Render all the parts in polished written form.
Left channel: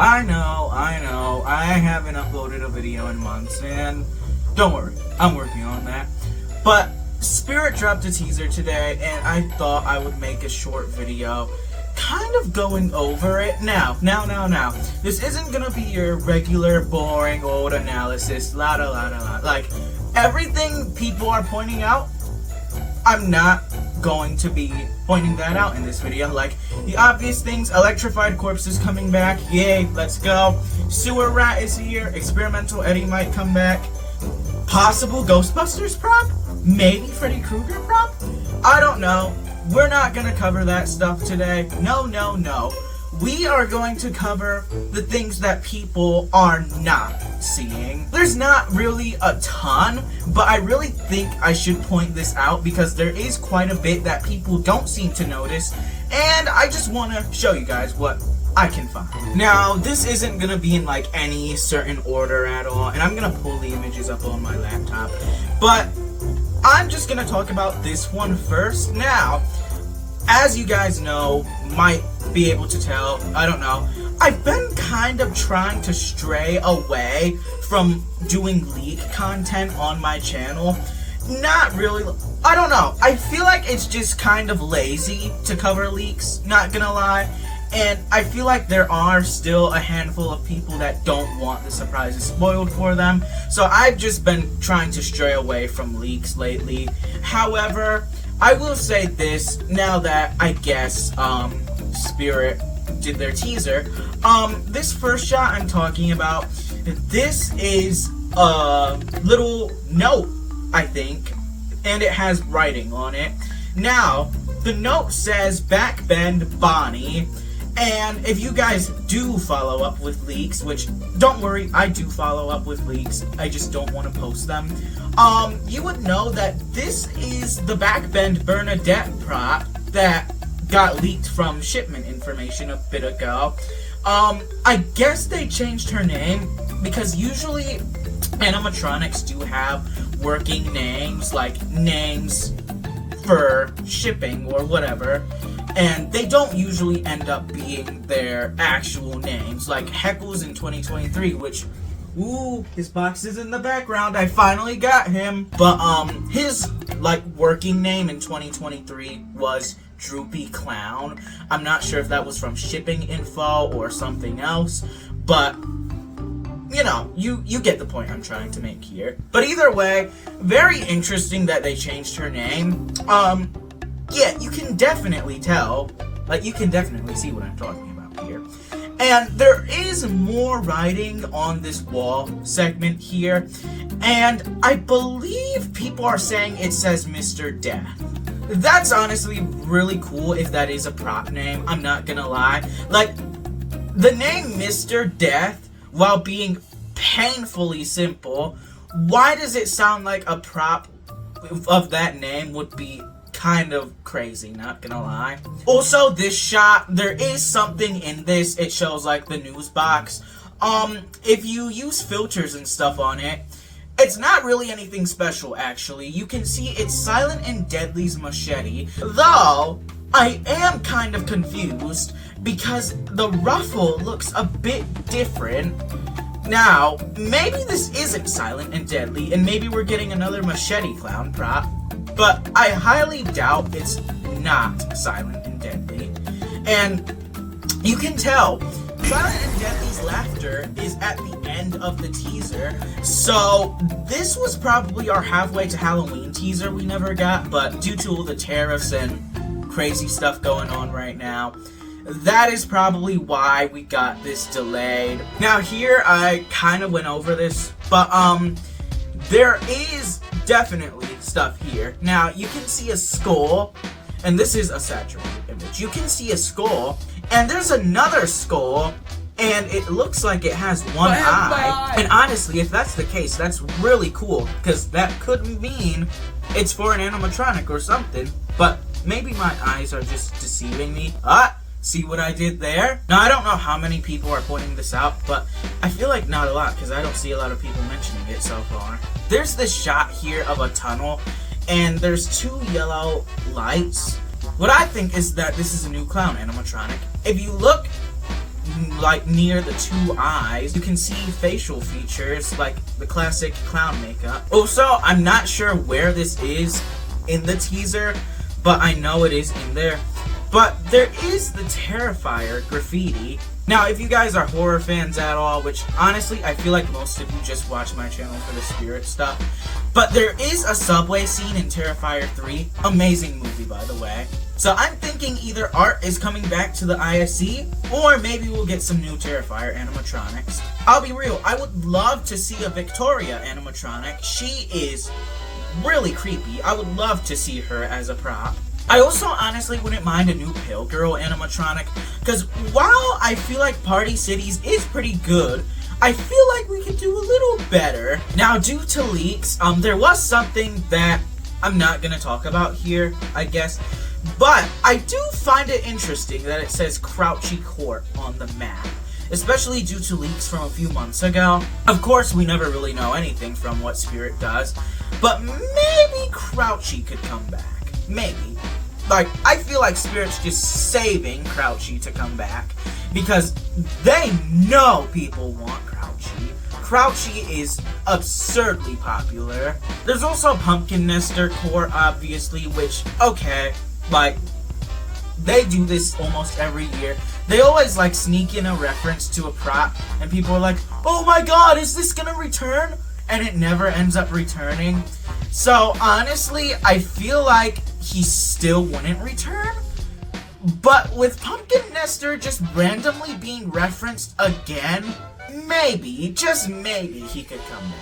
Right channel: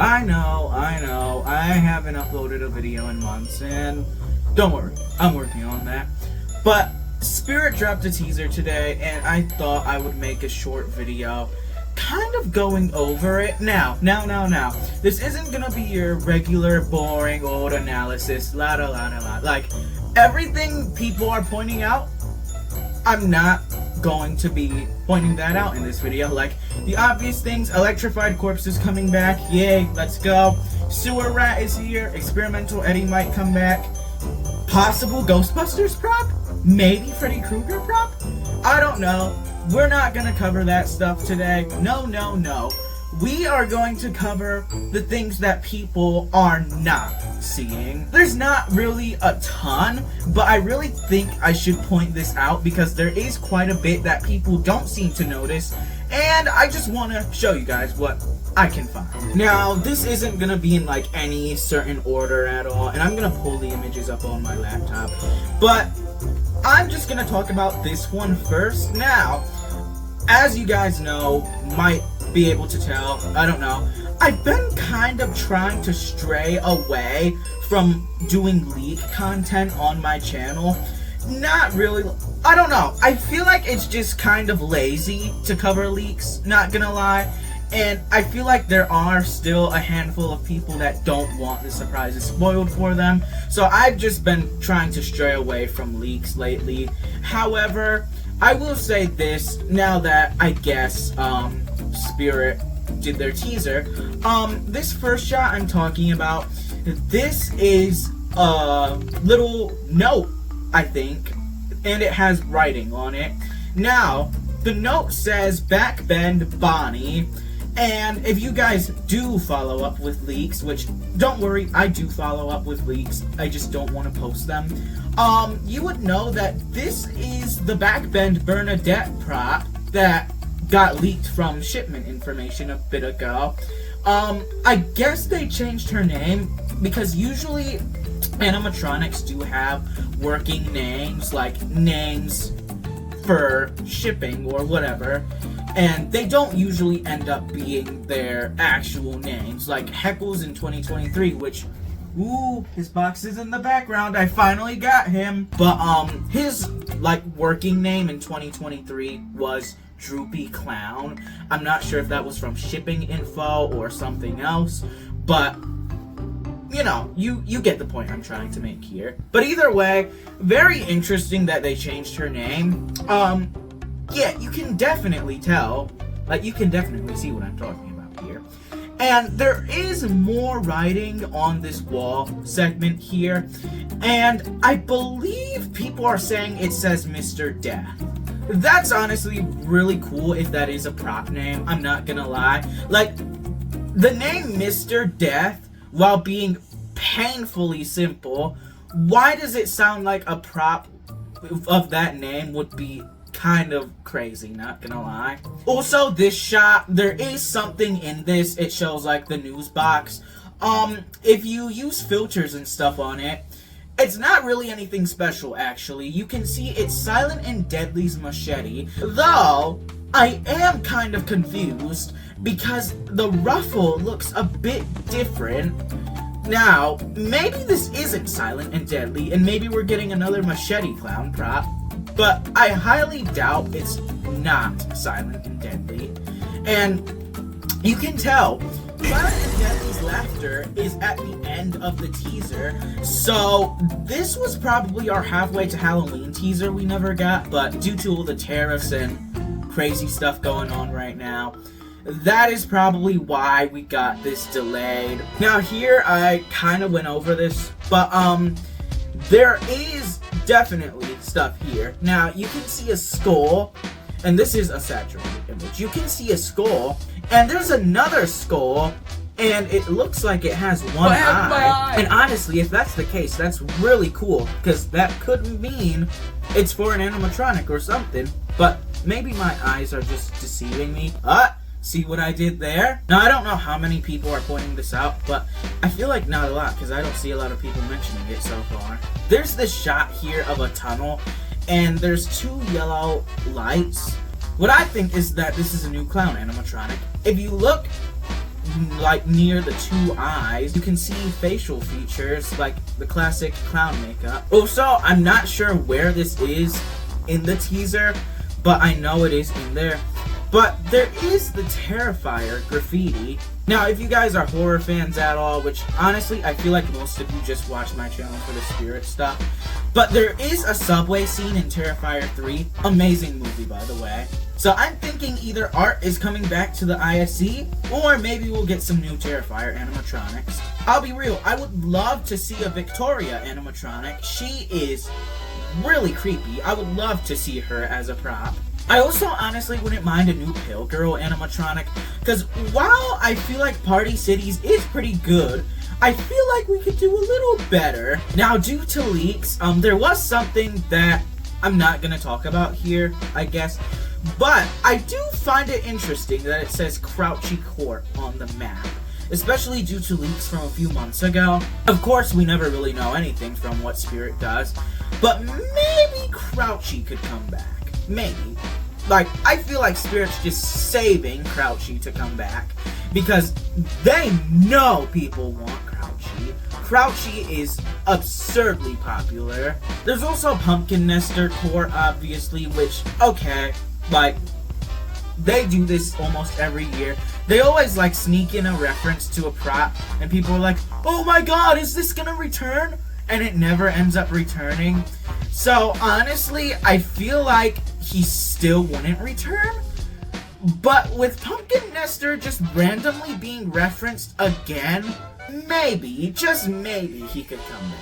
I know, I haven't uploaded a video in months, and don't worry, I'm working on that. But Spirit dropped a teaser today, and I thought I would make a short video kind of going over it. Now, this isn't gonna be your regular boring old analysis, like everything people are pointing out, I'm not going to be pointing that out in this video. Like the obvious things, electrified corpse is coming back, yay, let's go. Sewer rat is here, experimental Eddie might come back, possible Ghostbusters prop, maybe Freddy Krueger prop, I don't know. We're not gonna cover that stuff today. No. We are going to cover the things that people are not seeing. There's not really a ton, but I really think I should point this out because there is quite a bit that people don't seem to notice, and I just want to show you guys what I can find. Now, this isn't gonna be in like any certain order at all, and I'm gonna pull the images up on my laptop, but I'm just gonna talk about this one first. Now, as you guys know, might be able to tell, I don't know, I've been kind of trying to stray away from doing leak content on my channel. Not really, I don't know, I feel like it's just kind of lazy to cover leaks, not gonna lie. And I feel like there are still a handful of people that don't want the surprises spoiled for them. So I've just been trying to stray away from leaks lately. However, I will say this, now that I guess Spirit did their teaser. This first shot I'm talking about, this is a little note, I think, and it has writing on it. Now, the note says Backbend Bonnie. And if you guys do follow up with leaks, which, don't worry, I do follow up with leaks, I just don't want to post them, you would know that this is the Backbend Bernadette prop that got leaked from shipment information a bit ago. I guess they changed her name, because usually animatronics do have working names, like names for shipping or whatever, and they don't usually end up being their actual names, like Heckles in 2023, which, ooh, his box is in the background, I finally got him, but his like working name in 2023 was Droopy Clown. I'm not sure if that was from shipping info or something else, but you know, you get the point I'm trying to make here. But either way, very interesting that they changed her name. Yeah, you can definitely tell, like, you can definitely see what I'm talking about here. And there is more writing on this wall segment here, and I believe people are saying it says Mr. Death. That's honestly really cool if that is a prop name, I'm not gonna lie. Like, the name Mr. Death, while being painfully simple, why does it sound like a prop of that name would be kind of crazy, not gonna lie. Also, this shot, there is something in this. It shows like the news box. If you use filters and stuff on it, it's not really anything special, actually. You can see it's Silent and Deadly's machete, though I am kind of confused because the ruffle looks a bit different. Now, maybe this isn't Silent and Deadly, and maybe we're getting another machete clown prop, but I highly doubt it's not Silent and Deadly. And you can tell, Silent and Deadly's laughter is at the end of the teaser, so this was probably our halfway to Halloween teaser we never got, but due to all the tariffs and crazy stuff going on right now, that is probably why we got this delayed. Now here, I kind of went over this, but there is definitely stuff here. Now, you can see a skull, and this is a saturated image. You can see a skull, and there's another skull, and it looks like it has one eye. And honestly, if that's the case, that's really cool, because that could mean it's for an animatronic or something, but maybe my eyes are just deceiving me. See what I did there? Now, I don't know how many people are pointing this out, but I feel like not a lot, because I don't see a lot of people mentioning it so far. There's this shot here of a tunnel, and there's two yellow lights. What I think is that this is a new clown animatronic. If you look like near the two eyes, you can see facial features like the classic clown makeup. Also, I'm not sure where this is in the teaser, but I know it is in there. But there is the Terrifier graffiti. Now, if you guys are horror fans at all, which honestly, I feel like most of you just watch my channel for the spirit stuff, but there is a subway scene in Terrifier 3. Amazing movie, by the way. So I'm thinking either art is coming back to the ISC, or maybe we'll get some new Terrifier animatronics. I'll be real, I would love to see a Victoria animatronic. She is really creepy. I would love to see her as a prop. I also honestly wouldn't mind a new Pale Girl animatronic, because while I feel like Party Cities is pretty good, I feel like we could do a little better. Now, due to leaks, there was something that I'm not going to talk about here, I guess, but I do find it interesting that it says Crouchy Court on the map, especially due to leaks from a few months ago. Of course, we never really know anything from what Spirit does, but maybe Crouchy could come back. Maybe. Like, I feel like Spirit's just saving Crouchy to come back, because they know people want Crouchy. Crouchy is absurdly popular. There's also Pumpkin Nester Core, obviously, which, okay, like, they do this almost every year. They always, like, sneak in a reference to a prop, and people are like, oh my god, is this gonna return? And it never ends up returning. So, honestly, I feel like he still wouldn't return. But with Pumpkin Nester just randomly being referenced again, maybe, just maybe, he could come back.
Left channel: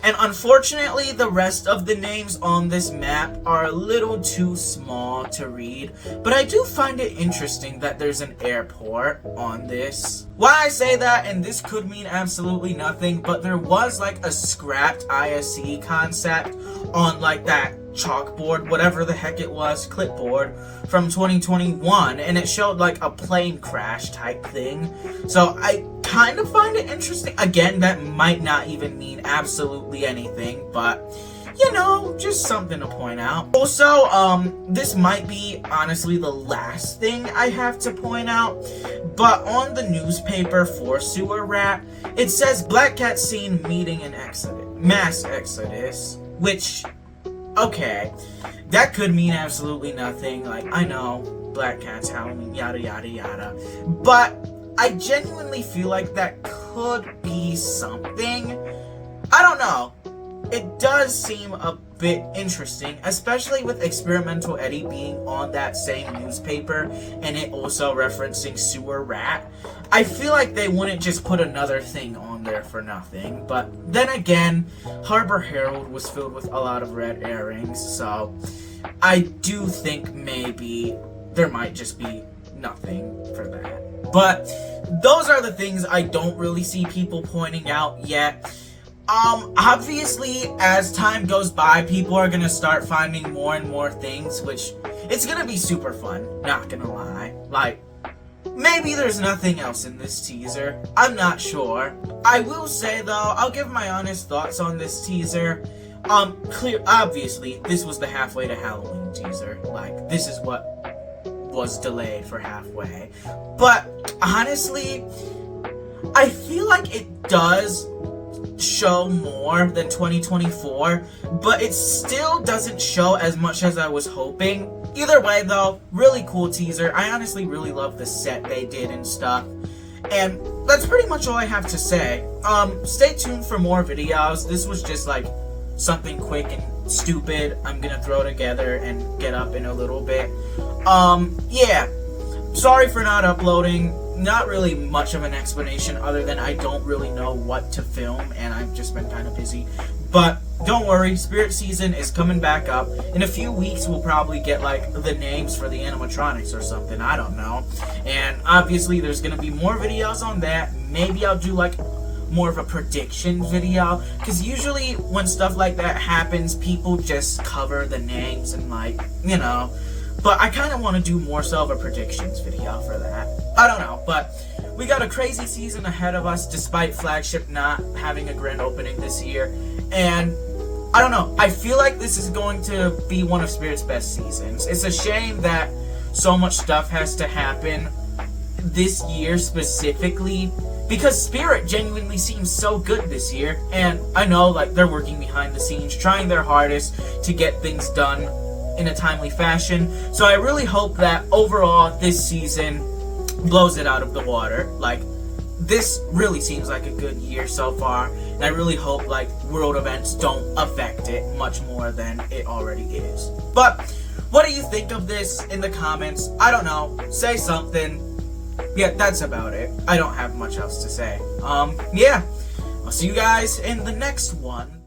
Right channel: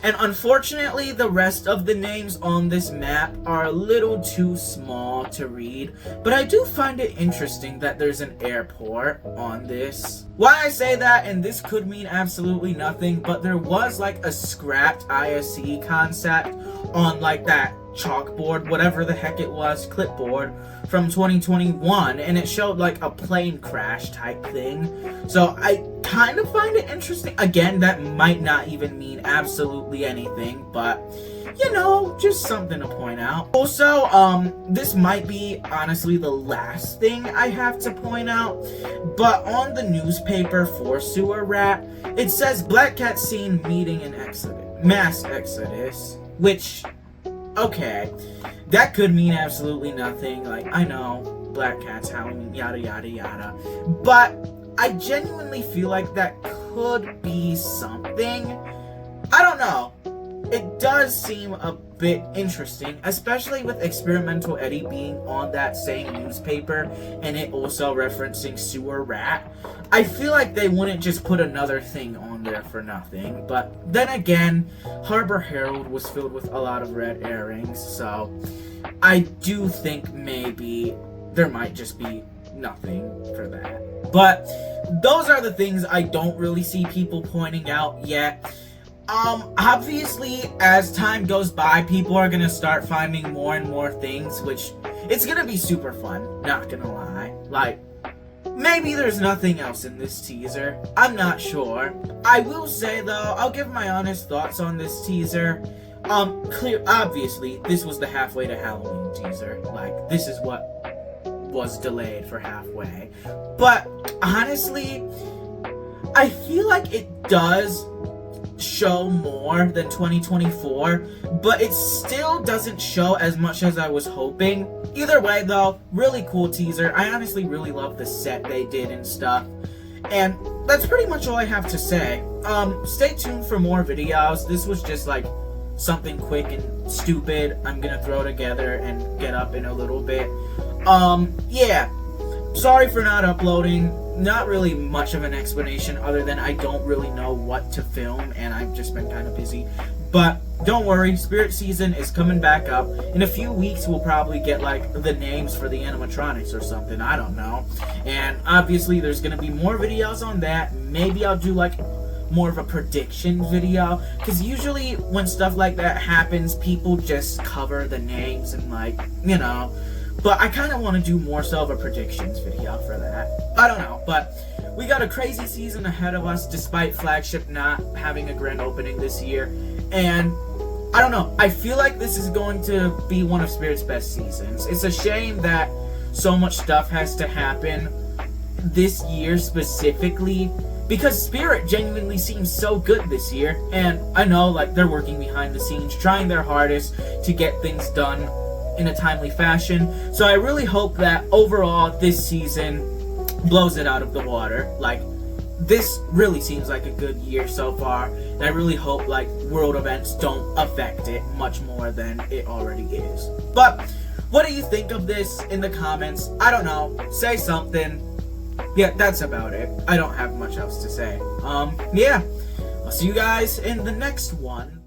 And unfortunately, the rest of the names on this map are a little too small to read, but I do find it interesting that there's an airport on this. Why I say that, and this could mean absolutely nothing, but there was like a scrapped ISC concept on like that chalkboard, whatever the heck it was, clipboard from 2021, and it showed like a plane crash type thing. So I kind of find it interesting. Again, that might not even mean absolutely anything, but you know, just something to point out. Also, this might be honestly the last thing I have to point out, but on the newspaper for Sewer Rat, it says Black Cat seen meeting in mass exodus, which, okay, that could mean absolutely nothing. Like, I know, Black Cat's Halloween, yada yada yada, but I genuinely feel like that could be something. I don't know. It does seem a bit interesting, especially with Experimental Eddie being on that same newspaper and it also referencing Sewer Rat. I feel like they wouldn't just put another thing on there for nothing, but then again, Harbor Herald was filled with a lot of red herrings, so I do think maybe there might just be nothing for that. But those are the things I don't really see people pointing out yet. Obviously, as time goes by, people are gonna start finding more and more things, which it's gonna be super fun, not gonna lie. Like, maybe there's nothing else in this teaser. I'm not sure. I will say, though, I'll give my honest thoughts on this teaser. Obviously, this was the halfway to Halloween teaser. Like, this is what was delayed for halfway. But, honestly, I feel like it does show more than 2024, but it still doesn't show as much as I was hoping. Either way, though, really cool teaser. I honestly really love the set they did and stuff. And that's pretty much all I have to say. Stay tuned for more videos. This was just like something quick and stupid I'm gonna throw together and get up in a little bit. Yeah. Sorry for not uploading. Not really much of an explanation other than I don't really know what to film and I've just been kind of busy. But don't worry, Spirit Season is coming back up. In a few weeks we'll probably get like the names for the animatronics or something, I don't know. And obviously there's gonna be more videos on that. Maybe I'll do like more of a prediction video, because usually when stuff like that happens, people just cover the names and like, you know. But I kind of want to do more so of a predictions video for that. I don't know, but we got a crazy season ahead of us despite Flagship not having a grand opening this year. And I don't know, I feel like this is going to be one of Spirit's best seasons. It's a shame that so much stuff has to happen this year specifically, because Spirit genuinely seems so good this year, and I know like they're working behind the scenes, trying their hardest to get things done in a timely fashion. So I really hope that overall this season blows it out of the water. Like, this really seems like a good year so far, and I really hope like world events don't affect it much more than it already is. But what do you think of this in the comments? I don't know, say something. Yeah, that's about it. I don't have much else to say. Yeah, I'll see you guys in the next one.